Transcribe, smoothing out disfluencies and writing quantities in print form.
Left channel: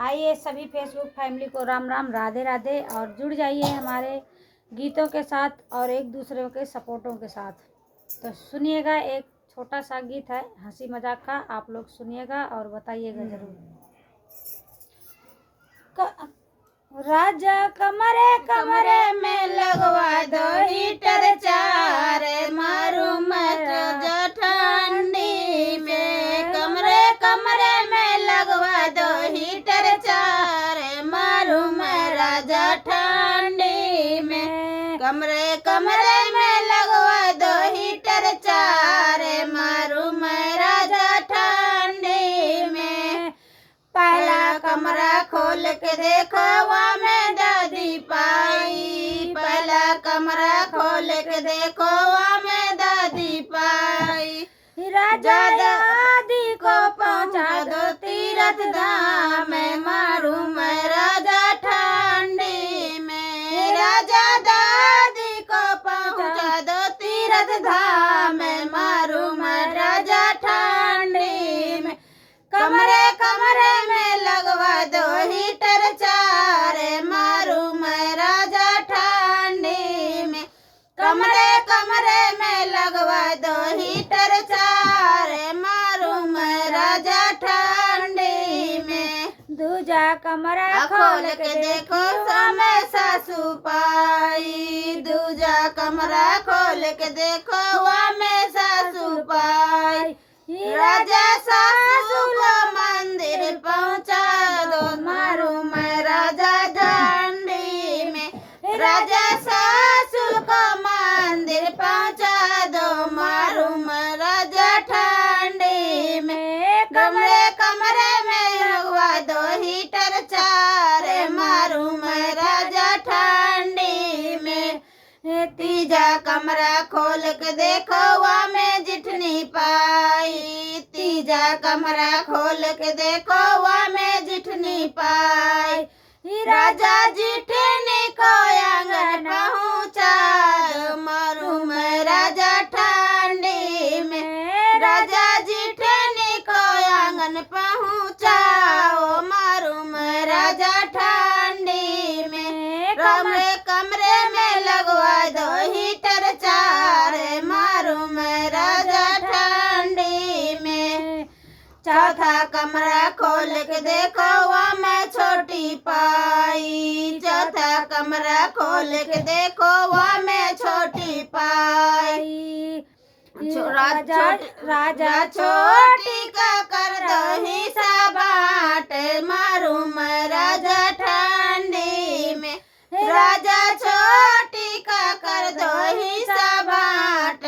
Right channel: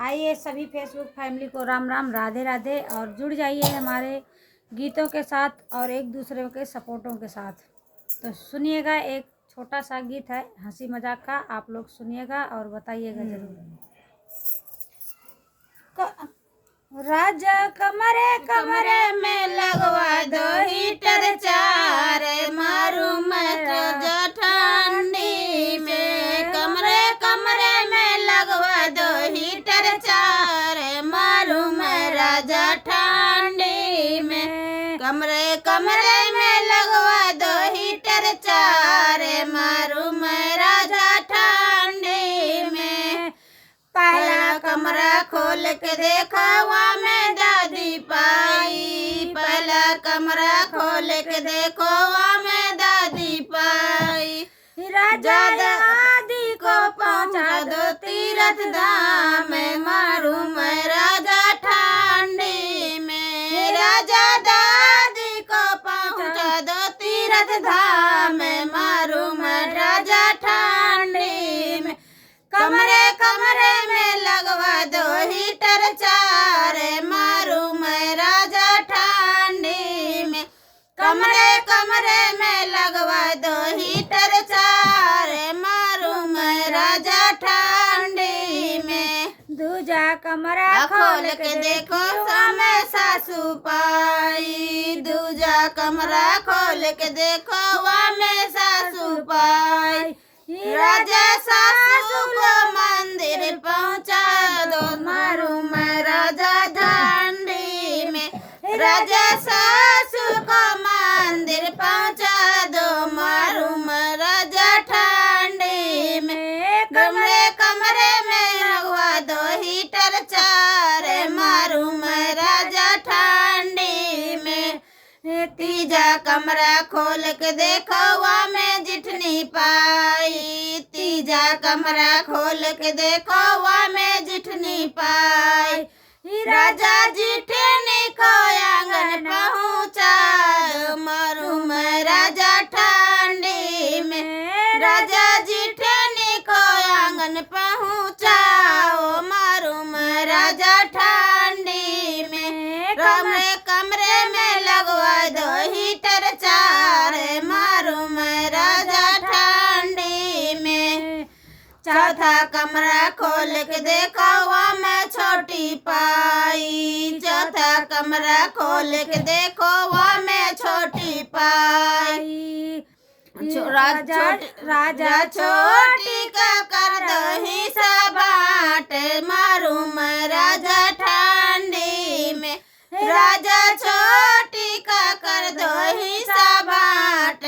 आइए सभी Facebook family को राम राम, राधे राधे, और जुड़ जाइए हमारे गीतों के साथ और एक दूसरे के सपोर्टों के साथ। तो सुनिएगा, एक छोटा सा गीत है हंसी मजाक का, आप लोग सुनिएगा और बताइएगा जरूर। राजा कमरे कमरे में लगवा दो हीटर, चार मारू मैं जो ठंडी में। कमरे कमरे में लगवा दो हीटर, चार मारू मैं राजा ठंडी में। कमरे कमरे में लगवा दो हीटर, चार मारू मैं राजा ठंडी में। पहला कमरा खोल के देखा वहाँ में दादी पाई। पहला कमरा खोल के देखो वहाँ में दादी पाई। राजा दादी को पहुँचा दो तीरथ धाम, मारू मैं राजा ठंडी में। राजा दादी को पहुँचा दो तीरथ धाम, मारू मैं राजा ठंडी में। कमरे कमरे में लगवा दो हीटर, चार मारू मैं राजा ठंडी में। कमरे कमरे में लगवा दो हीटर, चार मारू मैं राजा ठंडी में। दूजा कमरा खोल के देखो सामे सासू पाई। दूजा कमरा खोल के देखो वहाँ में सासू पाई। राजा सासू को मंदिर पहुँचा दो, मारू मैं राजा ठंडी में। राजा सासू को मंदिर पहुँचा दो, मारू मैं राजा ठंडी में। कमरे कमरे में लगवा दो हीटर, चार मारू मैं राजा ठंडी में। तीजा कमरा खोल के देखो वहाँ में जिठनी पाई। तीजा कमरा खोल के देखो वहाँ में जिठनी पाई। राजा जिठनी को आंगन पहुँचा दो, मारू मैं राजा ठंडी में। राजा जिठनी को आंगन पहुँचाओ, मारू मैं राजा ठंडी में। कमरे कमरे में लगवा दो हीटर, चार मारू मैं राजा ठंडी में। चौथा कमरा खोल के देखो वहाँ में छोटी पाई। चौथा कमरा खोल के देखो वहाँ में छोटी पाई। राजा छोटी का कर दो हिस्सा बाँट, मारू मैं राजा ठंडी में। राजा छोटी का कर दो हिस्सा बाँट,